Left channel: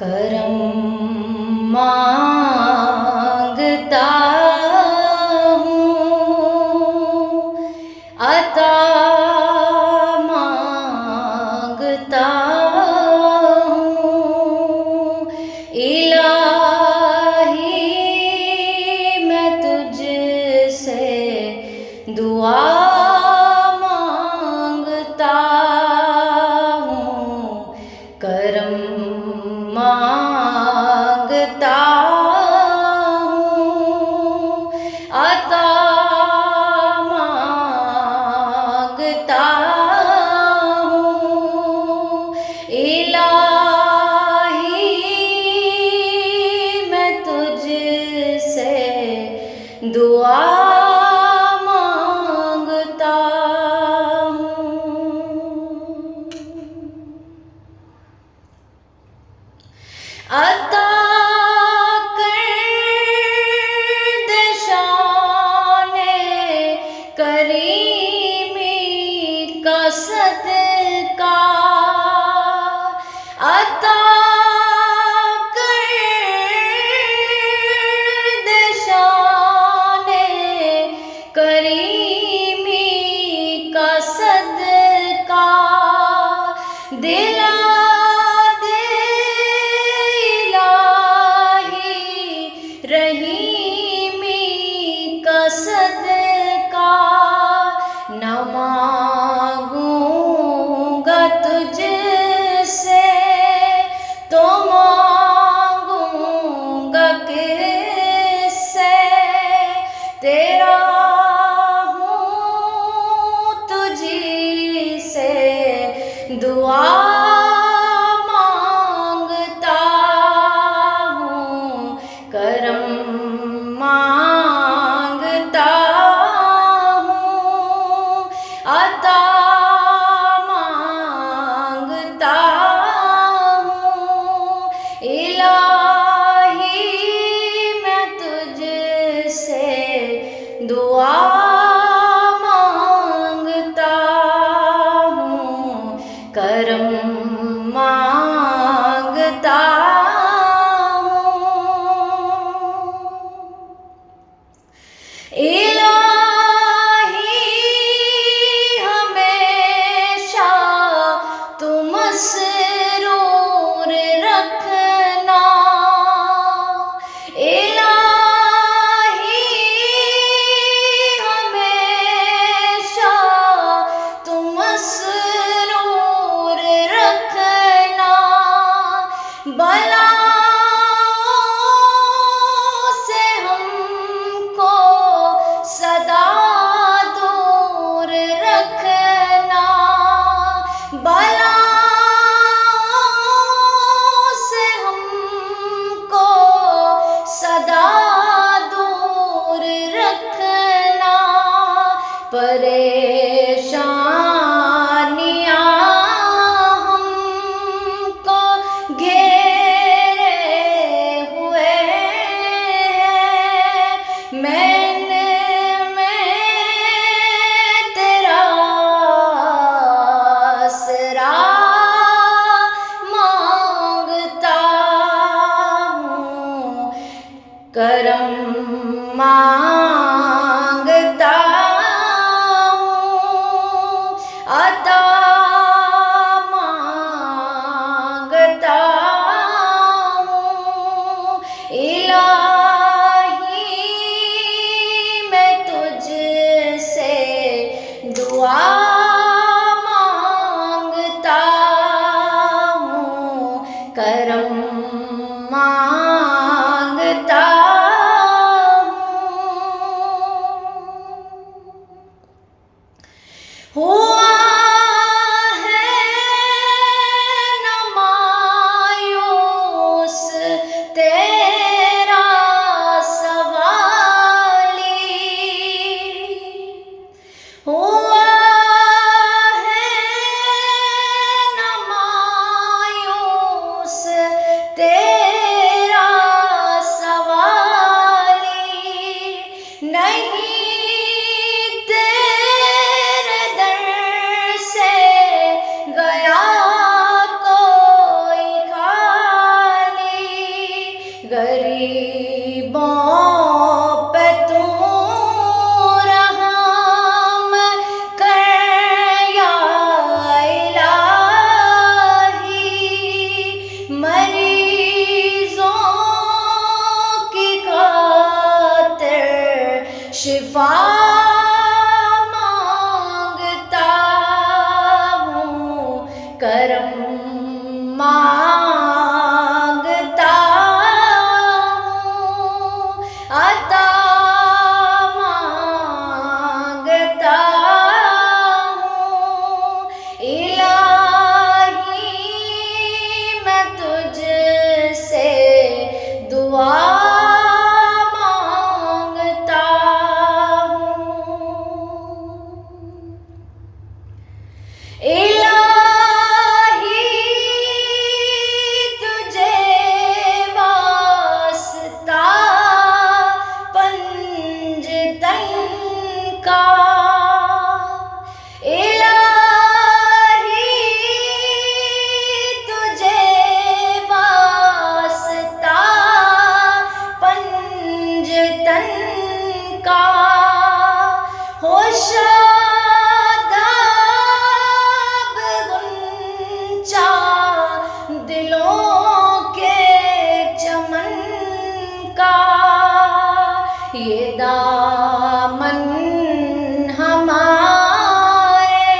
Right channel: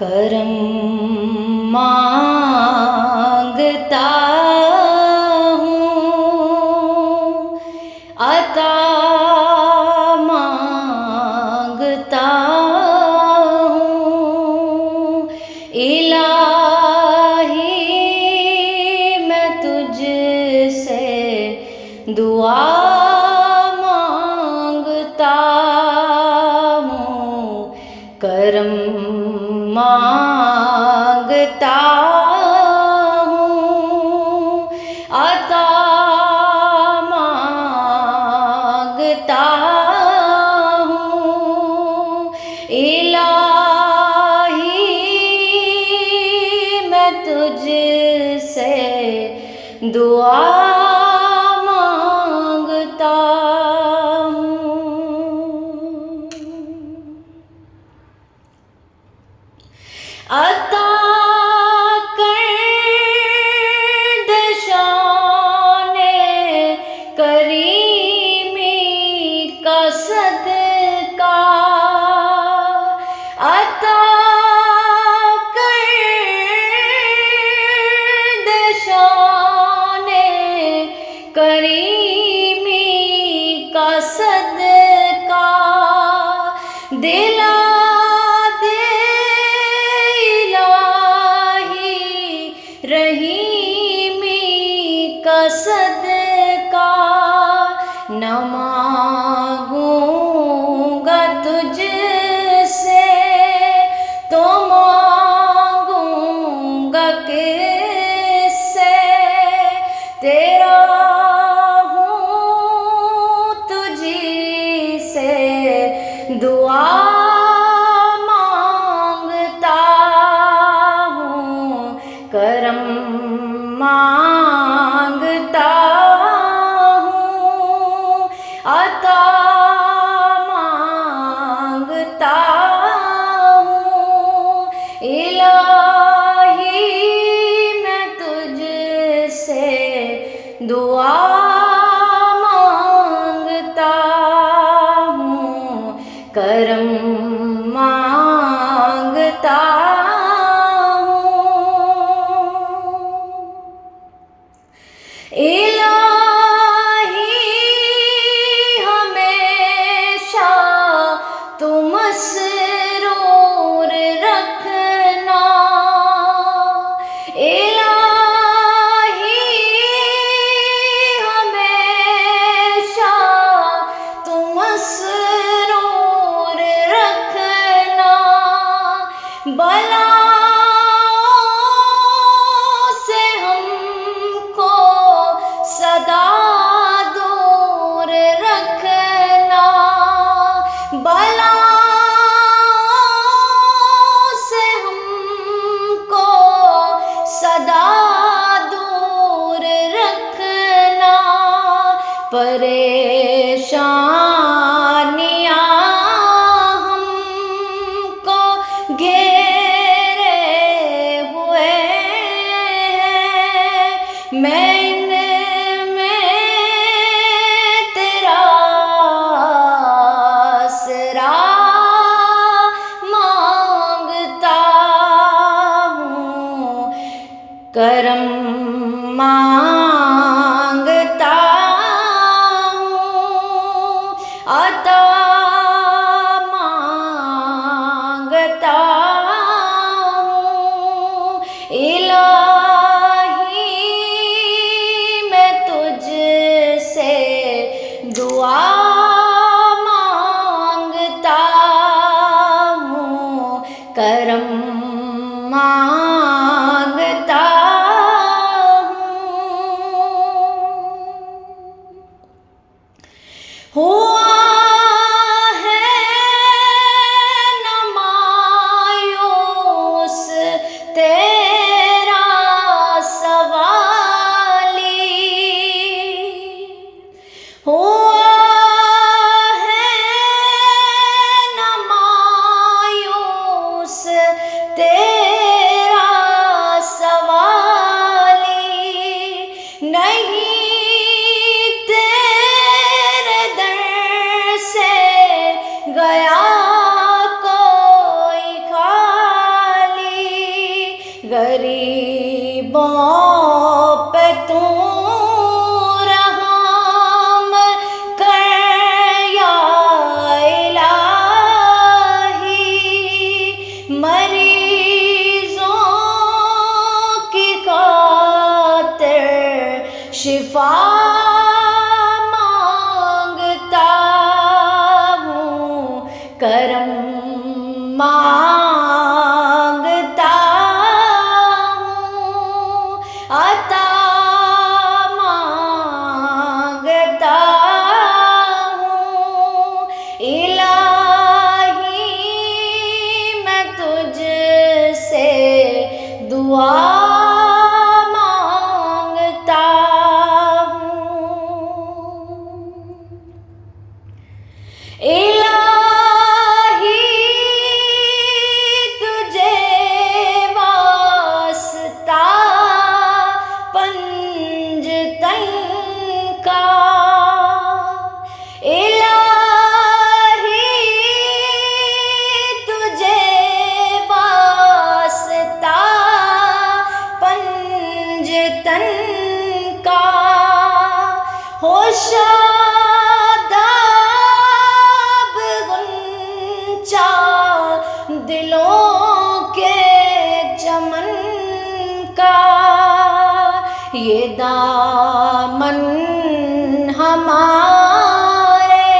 کرم مانگتا ہوں، عطا مانگتا ہوں، الہی میں تجھ سے دعا مانگتا ہوں، کرم مانگتا ہوں، عطا مانگتا ہوں، الہی میں تجھ سے دعا مانگتا ہوں، عطا کر دے شان کریمی کا صدقہ، عطا کر دے شان کریمی کا صدقہ، دلا رحیمی کا صدقہ، نہ مانگوں گا تجھ سے تو مانگوں گا کس سے، تیرا ہوں تجھی سے دعا کرم مانگتا ہوں، عطا مانگتا ہوں، الہی میں تجھ سے دعا مانگتا ہوں، کرم مانگتا الہی ہمیشہ تو مسرور رکھنا، الہی ہمیشہ تو مسرور رکھنا، بلا سدا دور رکھنا، بلا سے ہم کو سدا دور رکھنا، پریشانیاں ہم کو گھیرے ہوئے ہیں، میں کرم مانگتا ہوں، عطا مانگتا ہوں، الہی میں تجھ سے دعا مانگتا ہوں، کرم مانگتا ہوا ہے نہ مایوس تیرا سوالی، ہوا ہے نہ مایوس تیرا غریبوں پہ تو رحم کر یا الہی، مریضوں کی خاطر شفا مانگتا ہوں، کرم مانگتا ہوں، عطا مانگتا ہوں، الہی میں تجھ سے دعا مانگتا ہوں، الہی تجھے واسطہ پنجتن کا، الہی تجھے واسطہ پنجتن کا، ہو شاداب غنچہ دلوں کے چمن کا، یہ دامن ہمارے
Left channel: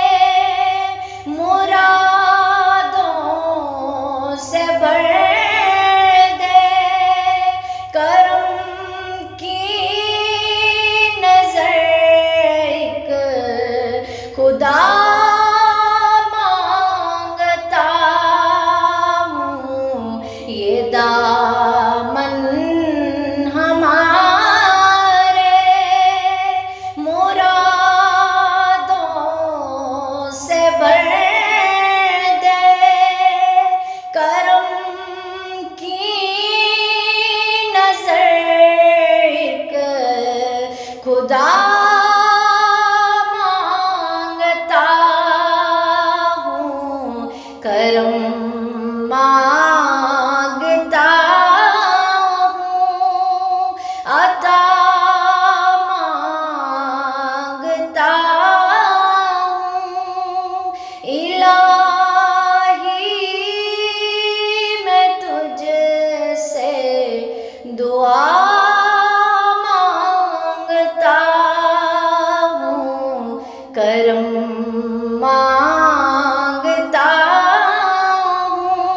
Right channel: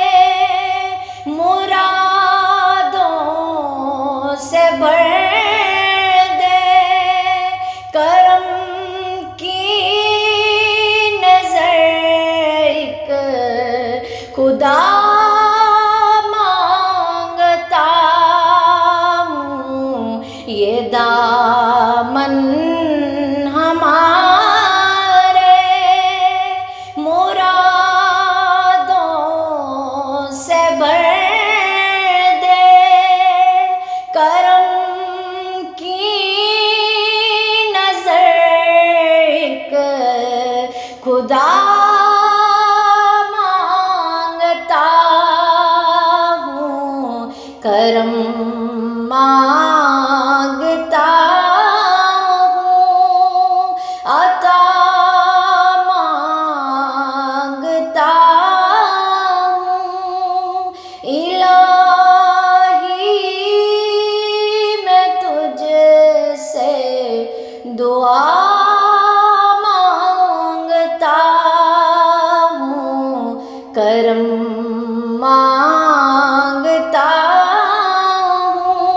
مرادوں سے بھر دے، کرم کی نظر ایک خدا مانگتا ہوں، یہ دامن ہمارے مرادوں سے بھر دے، کرم کی نظر ایک خدا مانگتا ہوں، کرم مانگتا ہوں، عطا مانگتا ہوں، الہی میں تجھ سے دعا مانگتا ہوں، کرم مانگتا ہوں،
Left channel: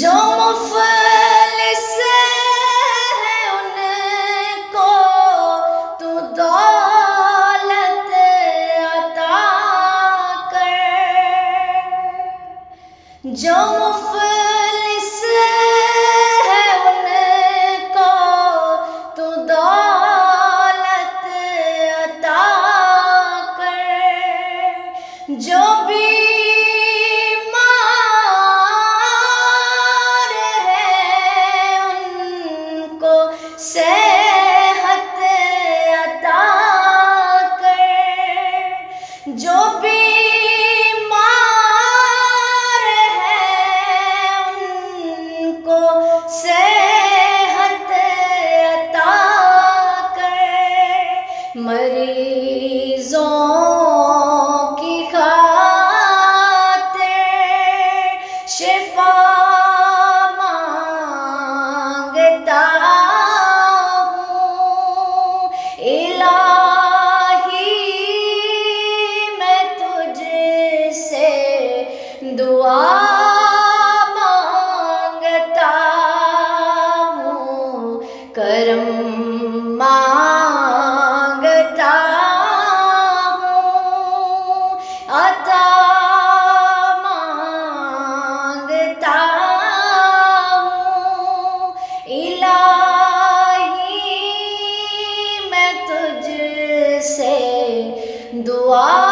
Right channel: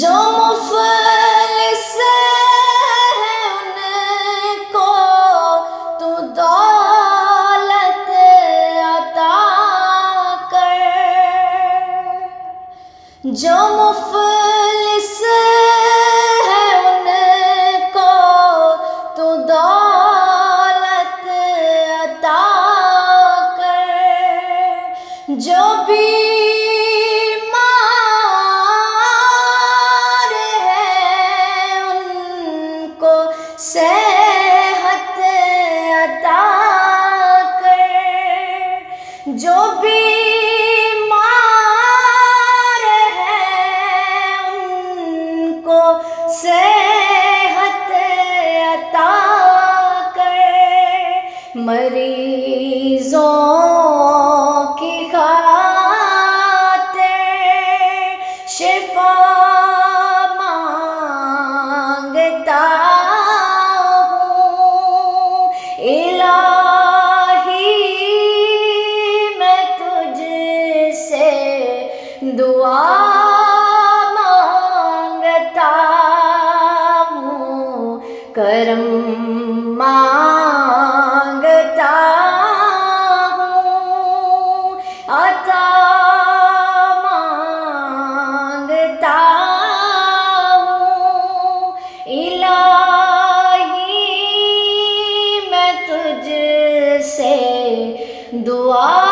جو مفلس ہیں ان کو تو دولت عطا کر، جو مفلس ہیں ان کو تو دولت عطا کر، جو بیمار ہے ان کو صحت عطا کر، جو بیمار ہے ان کو صحت عطا کر، مریضوں کی خاطر شفا مانگتا ہوں، الہی میں تجھ سے دعا مانگتا ہوں، کرم مانگتا ہوں، عطا مانگتا ہوں، الہی میں تجھ سے دعا